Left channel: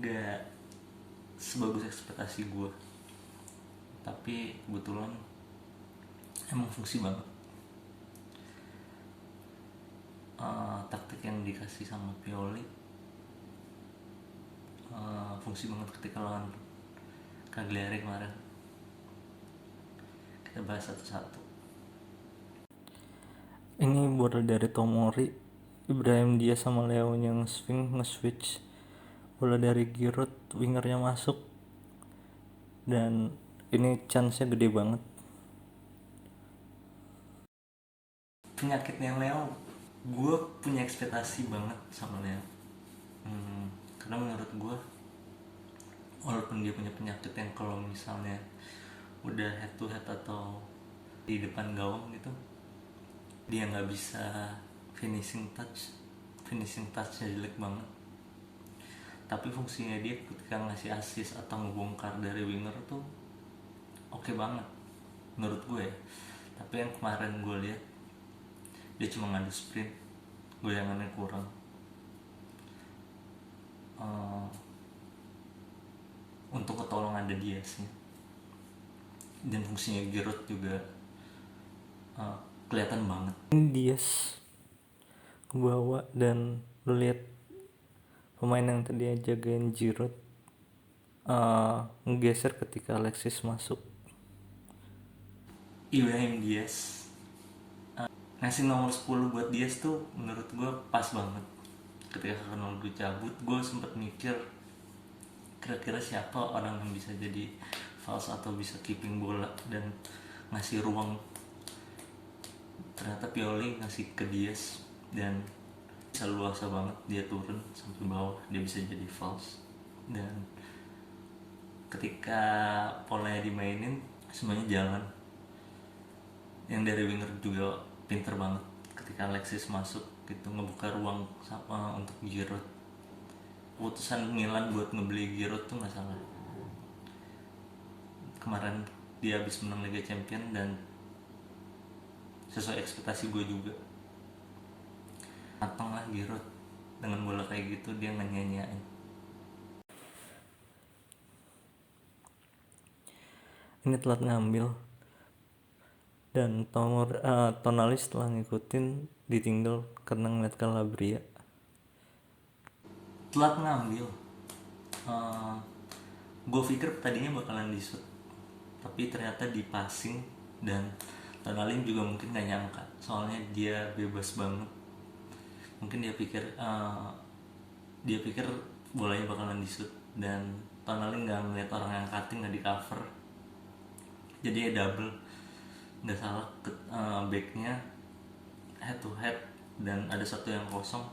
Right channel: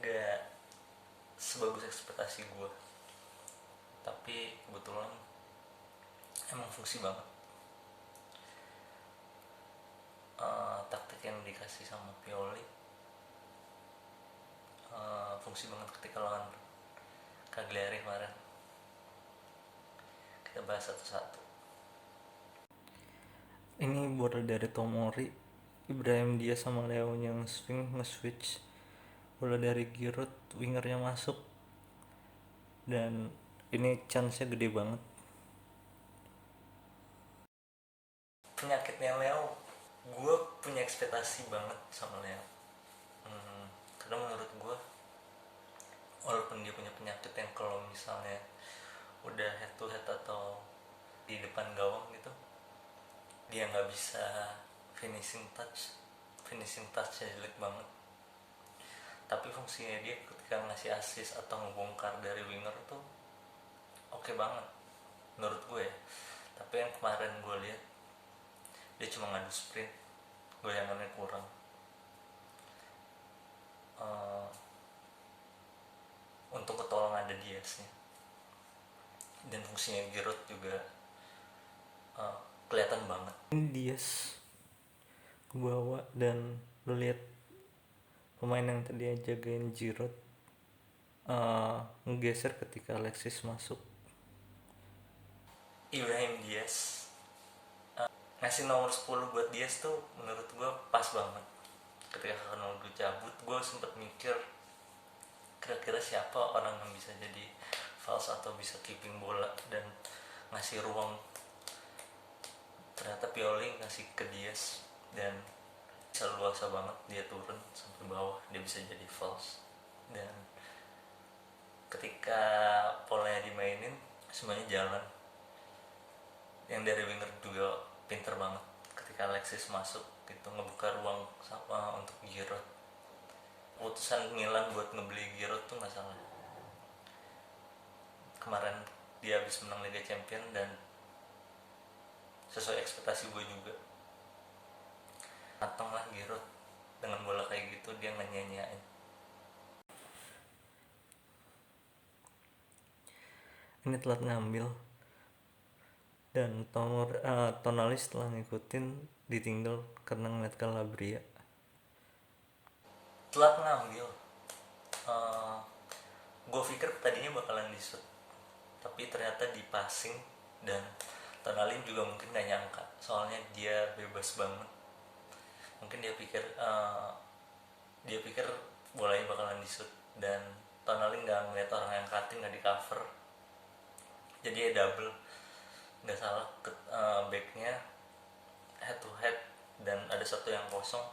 gak sebagus ekspektasi gue, tapi kebetulan emang fungsi banget. Taktik yang dikasih sama Pioli fungsi banget ketika lawan Cagliari kemarin. Kita bahas satu-satu. Ini bola dari Tomori, Ibrahim Diaz sama Leo yang swing nge-switch. Bola dari Giroud, wingernya masuk, dan ini chance-nya gede banget. Penyakitnya Leo, gue punya ekspektasi banget sama Leo. Karena menurut gue, walaupun dia punya penyakit yang kalau misalnya udah head to head atau di depan gawang gitu, dia nggak bisa finishing touchnya jelek banget. Tapi fungsinya dia ketika ngasih assist atau ngebongkar dari winger tuh oke banget menurut gue ya. Tapi yang kemarin gue lihat dia cuma ngadu sprint, goyangannya kurang. Untuk ketolong ada dia sih, dan fungsinya Giroud juga kelihatan banget. Diaz ke bawah, dan lu lihat pemain yang tadi jagain Giroud ngegeser ketika Alexis masuk. Ibrahim Diaz ngasih nomor 10 buat Diaz tuh menurut gue pas banget. Ketika Ronaldo cabut, gue sempet mikir kira-kira siapa orang yang bisa jadi false atau bisa keeping bola dan ngasih ruang. Ternyata Pioli ngasih ke Diaz, dan bisa luasa banget, dia turun sampai bawah, dia bisa jadi false. Dan ketika polanya dimainin semuanya jalan. Yang dari winger juga pinter banget ketika Alexis masuk gitu, ngebuka ruang untuk Giroud. Keputusan Milan buat ngebeli Giroud tuh nggak salah. Kemarin dia habis menang Liga Champions dan sesuai ekspektasi gue juga. Mateng lah Giroud, dengan bola kayak gitu dia nyanyain. Ini telat ngambil, dan Tonali setelah ngikutin ditinggal karena ngeliat Calabria. Telat ngambil, gue pikir tadinya bakalan di shoot, tapi ternyata di passing, dan Tonali juga mungkin gak nyangka, soalnya dia bebas banget. Mungkin dia pikir bolanya bakalan di shoot, dan Tonali nggak ngeliat orang yang cutting, nggak di cover, jadi ya double. Nggak salah, backnya head to head dan ada satu yang kosong.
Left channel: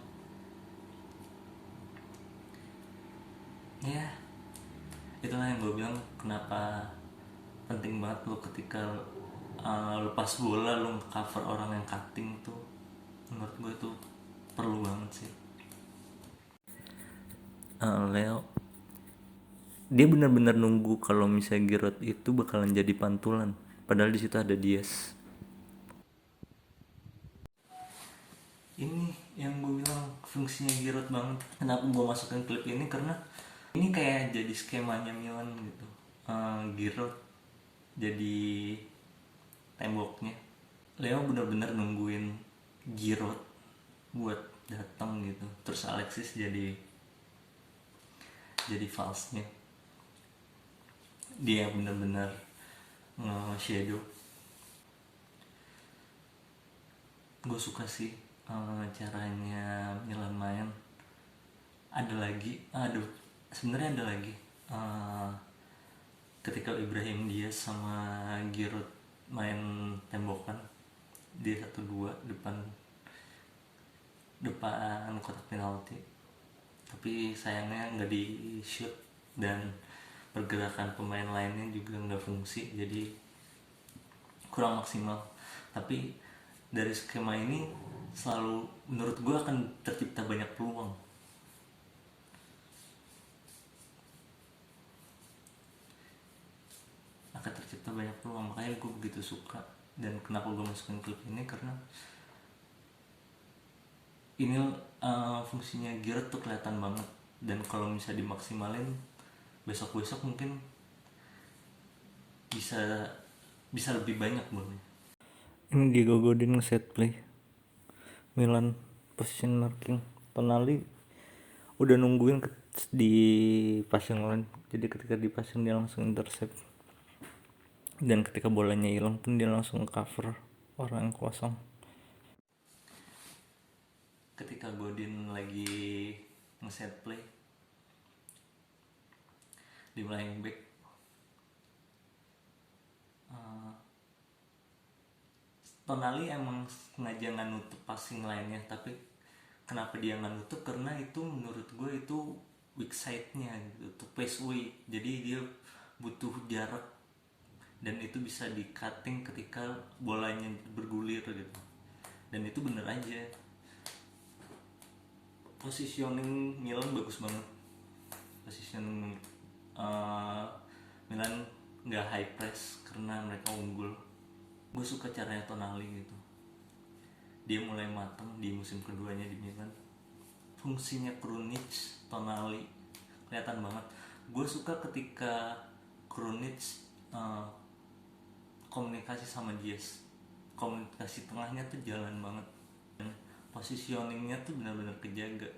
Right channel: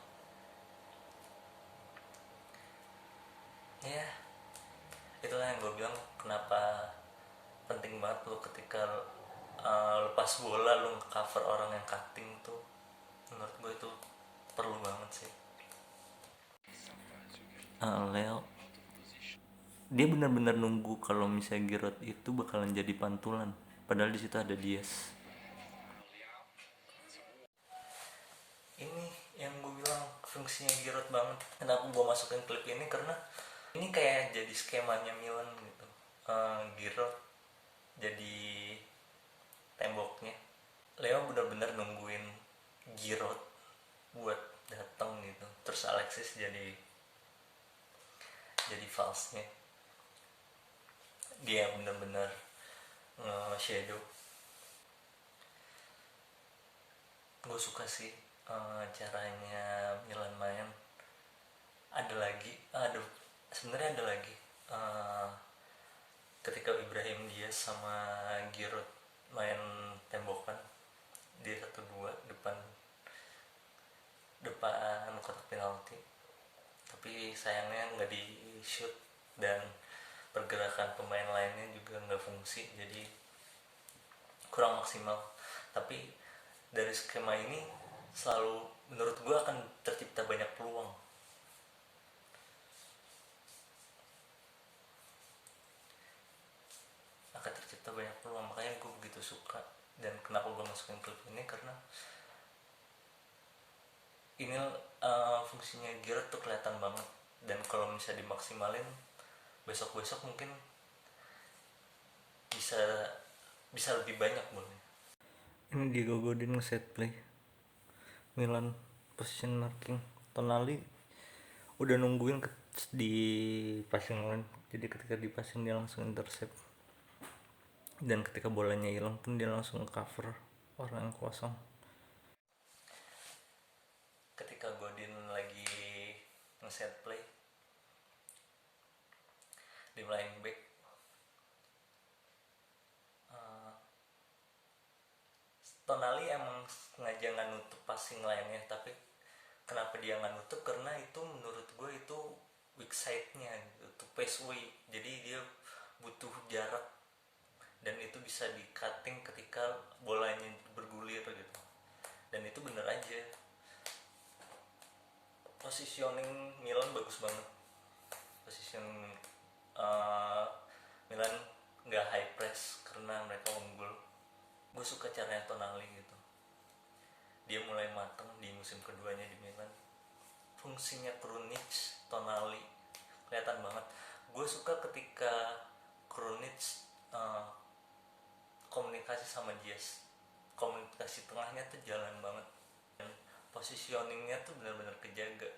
Ya, itulah yang gue bilang kenapa penting banget lu ketika lepas bola lu nge-cover orang yang cutting tuh. Menurut gue itu perlu banget sih. Leo dia benar-benar nunggu kalau misalnya Giroud itu bakalan jadi pantulan, padahal di situ ada Diaz. Ini yang gue bilang fungsinya Giroud banget. Kenapa gue masukin klip ini, karena ini kayak jadi skemanya Milan gitu. Giroud jadi temboknya, Leo benar-benar nungguin Giroud buat datang gitu, terus Alexis jadi false-nya. Dia benar-benar nge-shadow. Gue suka sih caranya Milan main. Sebenarnya ada lagi ketika Ibrahim Diaz sama Giroud main tembokan, dia 1-2 depan kotak penalti, tapi sayangnya nggak di shoot, dan pergerakan pemain lainnya juga nggak fungsi, jadi kurang maksimal. Tapi dari skema ini selalu menurut gue akan tercipta banyak peluang. Makanya gue begitu suka, dan kenapa gue masukin klip ini, karena ini fungsinya Giroud tuh kelihatan banget. dan kalau bisa dimaksimalin besok mungkin bisa lebih banyak boleh. Ini Diego Godin nge-set play Milan position marking. Tonali udah nungguin di passing line, jadi ketika di passing dia langsung intercept, dan ketika bolanya hilang pun dia langsung cover orang yang kosong. Ketika Godin lagi nge-set play di flying back, Tonali emang sengaja nggak nutup passing line-nya, tapi kenapa dia nggak nutup? Karena itu menurut gue itu weak side-nya gitu, to pass away, jadi dia butuh jarak dan itu bisa di cutting ketika bolanya bergulir gitu, dan itu bener aja. Positioning Milan bagus banget, position Milan nggak high press karena mereka unggul. Gue suka caranya Tonali gitu, dia mulai matang di musim keduanya di Milan. Fungsinya Krunic, Tonali kelihatan banget. Gue suka ketika Krunic komunikasi sama Diaz, komunikasi tengahnya tuh jalan banget, positioningnya tuh benar-benar kejaga.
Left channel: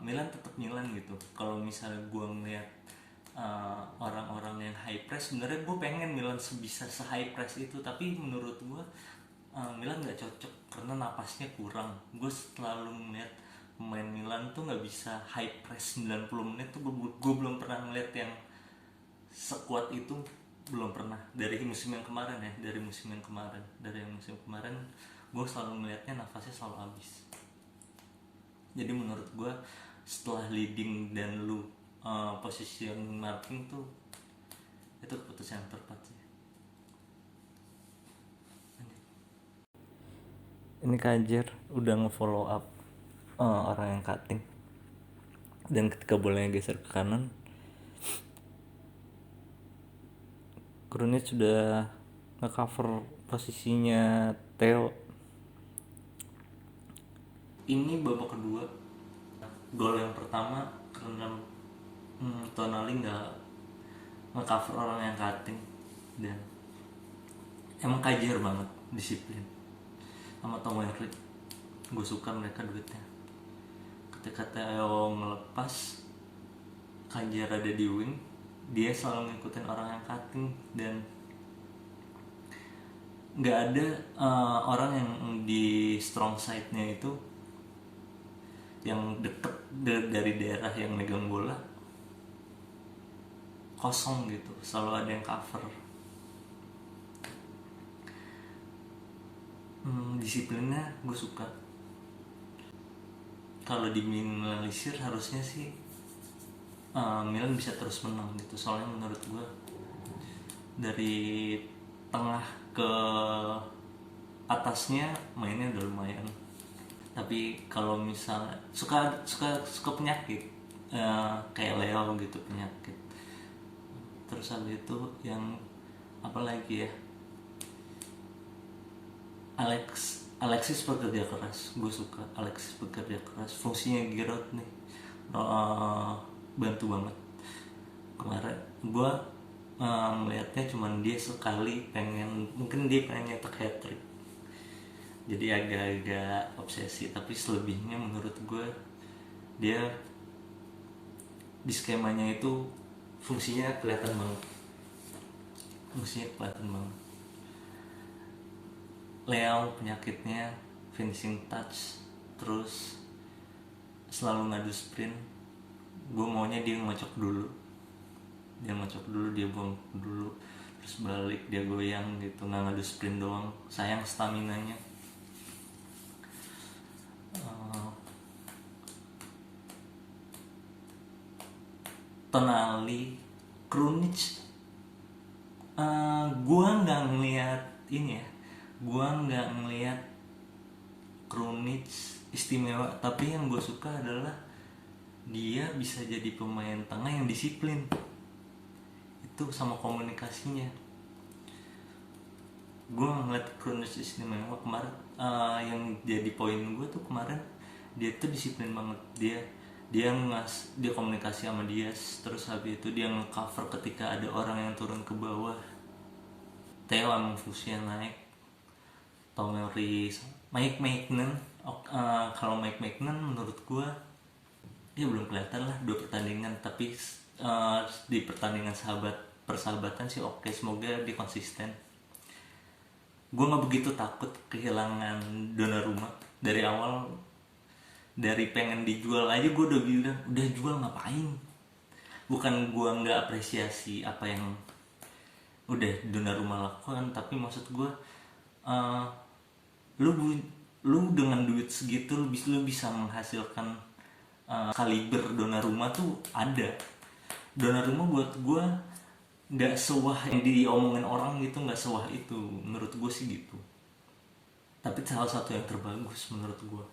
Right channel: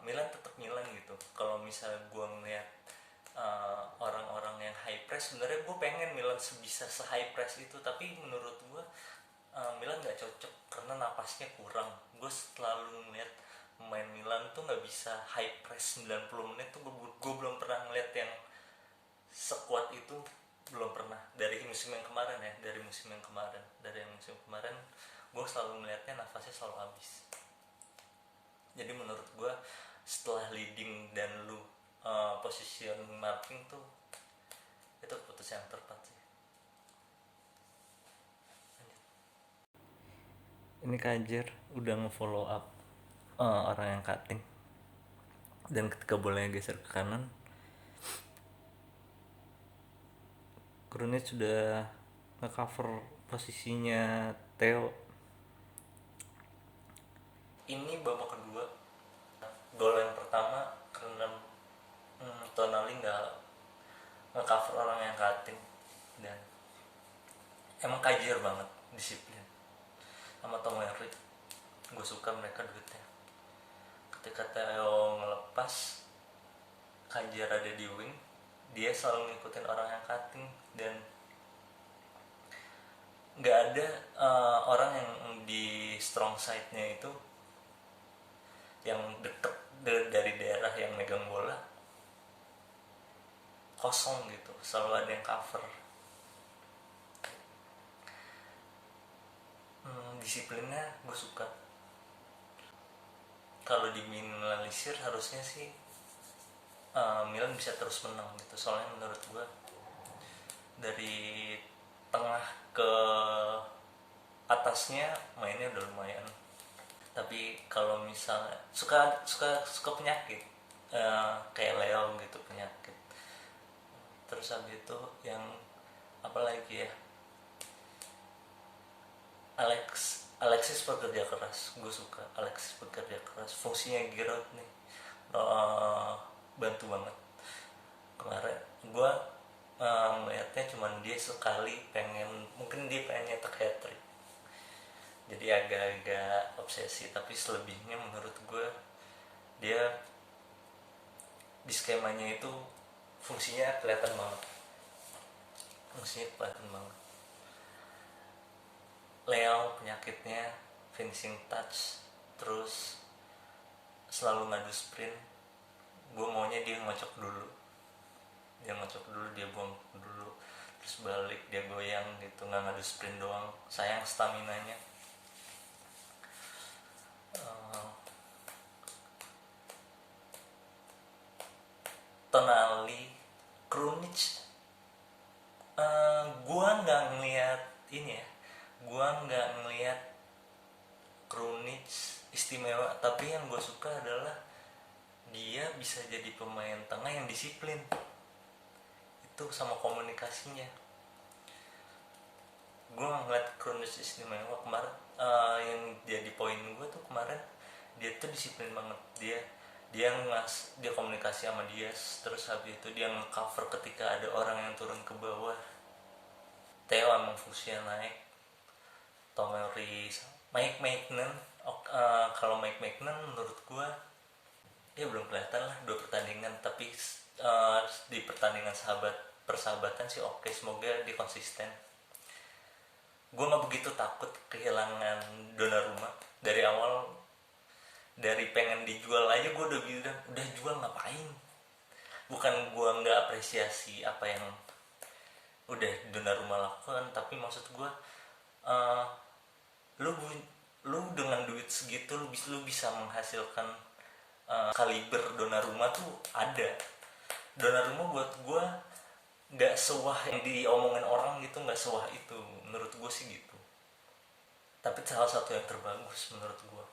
Milan tetap Milan gitu. Kalau misalnya gue ngeliat orang-orang yang high press, sebenarnya gue pengen Milan bisa se-high press itu, tapi menurut gue Milan nggak cocok karena napasnya kurang. Gue selalu ngeliat pemain Milan tuh nggak bisa high press 90 menit tuh. Gue belum pernah ngeliat yang sekuat itu, belum pernah. Dari musim yang kemarin gue selalu ngeliatnya nafasnya selalu habis. Jadi menurut gue setelah leading dan lu position marking tuh, itu keputusan yang tepat sih. Ini Kajer udah nge-follow up orang yang cutting, dan ketika bolanya geser ke kanan, Krunic sudah nge-cover posisinya Theo. Ini babak kedua. Gol yang pertama karena Tonali nggak nge-cover orang yang cutting, dan emang Kajer banget disiplin sama Tomori. Gue suka mereka duetnya. Ketika Theo ngelepas, Kajer ada di wing, dia selalu ngikutin orang yang cutting, dan nggak ada orang yang di strong side-nya itu yang deket dari daerah yang megang bola kosong gitu, selalu ada yang cover. Disiplinnya gue suka. Kalau diminimalisir harusnya sih Milan bisa terus menang gitu, soalnya menurut gue dari tengah ke atasnya mainnya udah lumayan. Tapi kalau misalnya suka penyakit, kayak Leo gitu penyakit. Terus habis itu yang apa lagi ya, Alexis bekerja keras. Gue suka Alexis bekerja keras. Fungsinya Giroud nih bantu banget. Kemarin gue melihatnya cuman dia sekali mungkin dia pengen nyetak hat-trick, jadi agak-agak obsesi. Tapi selebihnya menurut gue dia di skemanya itu fungsinya kelihatan banget. Leo penyakitnya finishing touch, terus selalu ngadu sprint. Gue maunya dia ngocok dulu, dia buang dulu, terus balik dia goyang gitu, nggak ngadu sprint doang, sayang staminanya. Tonali, Krunic, gue nggak ngeliat Krunic istimewa, tapi yang gue suka adalah dia bisa jadi pemain tengah yang disiplin itu sama komunikasinya. Gue ngeliat Krunic istimewa kemarin. Yang jadi poin gue tuh kemarin, dia tuh disiplin banget. Dia dia komunikasi sama Diaz, terus habis itu dia nge-cover ketika ada orang yang turun ke bawah. Theo emang fungsinya naik. Tomori, Mike Maignan. Kalau Mike Maignan menurut gue dia belum kelihatan lah 2 pertandingan, tapi di pertandingan persahabatan sih oke. Semoga dia konsisten. Gue nggak begitu takut kehilangan Donnarumma dari awal. Dari pengen dijual aja gue udah bilang udah jual ngapain. Bukan gue nggak apresiasi apa yang udah Donnarumma lakukan, tapi maksud gue uh, lu dengan duit segitu lu bisa menghasilkan kaliber Donnarumma tuh ada. Donnarumma buat gue nggak sewah yang diomongin orang gitu, nggak sewah itu menurut gue sih gitu, tapi salah satu yang terbagus menurut gue.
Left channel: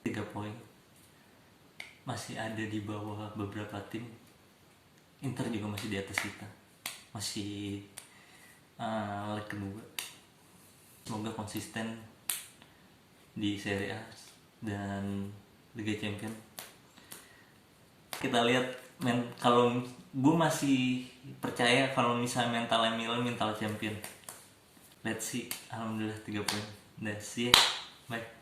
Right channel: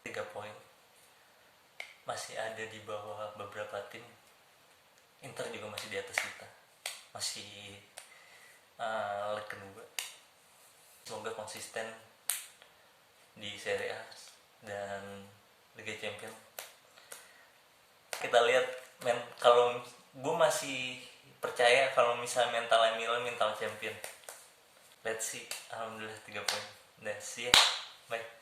3 poin, masih ada di bawah beberapa tim. Inter juga masih di atas kita, masih leg kedua. Semoga konsisten di Serie A dan Liga Champions. Kita lihat kalau gue masih percaya kalau misalnya mentalnya Milan mental champion. Let's see. Alhamdulillah 3 poin. Udah, see ya. Bye.